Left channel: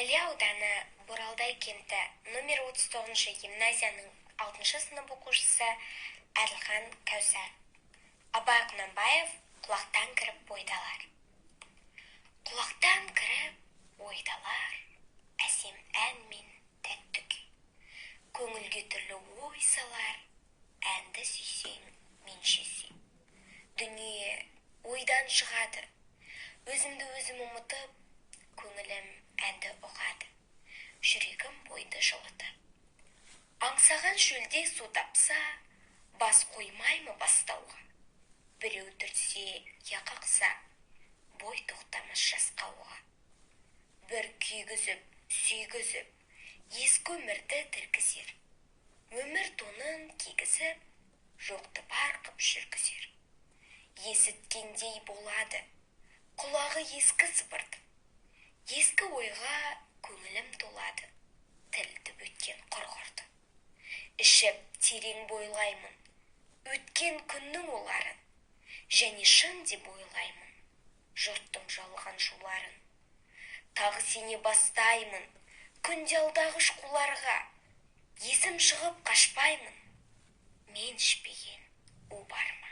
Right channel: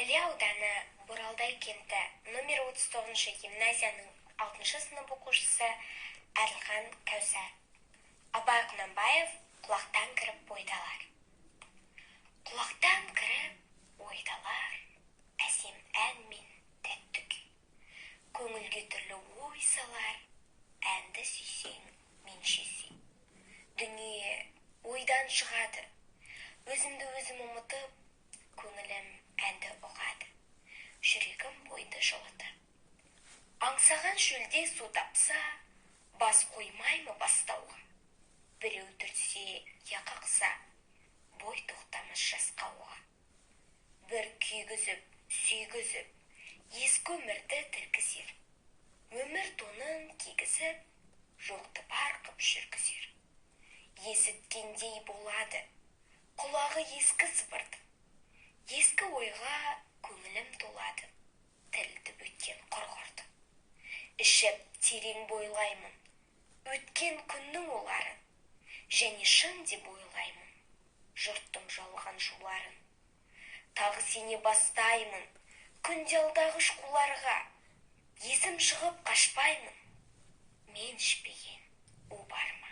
Іле ауданы Боралдай кенті номер 39 гимназияның 6 сынып оқушысы Әділхан Кәусар. Абай Құнанбаев құлақтан кіріп ойдалар. Құлақтан кіріп ойдалар, әсем ән мен тәтті күй. Көңілге түрлі ой салар, әнді сүйсең, мен сүйсең. Дүние ойдан шығады, өзімді өзім ұмытып, көңілім әнді ұғады, жүрегім бойды жылыды. Аңсаған шөлде су тапса, бас қоймаймы бастауға? Біреу түртсе, яқақса, бой тоқтамас жасқауға. Бір күйгізіп, сүйгізіп, ескі өмірді тіркізер. Өмір тонын кигізіп, жоқты бар қып жүргізер. Есіткендей болады, құлағы ескі сыбырды. Ескі ойға көңілім толады, тілді өткен құрғырды. Ішіп терең бойлаймын, өткен күннің оларын, және шын деп ойлаймын, жұрттың жалған жуларын. Тағы сене бастаймын, күнде алдағыш қуларға, есім шығып қашпаймын, мен ішпеген у бар ма?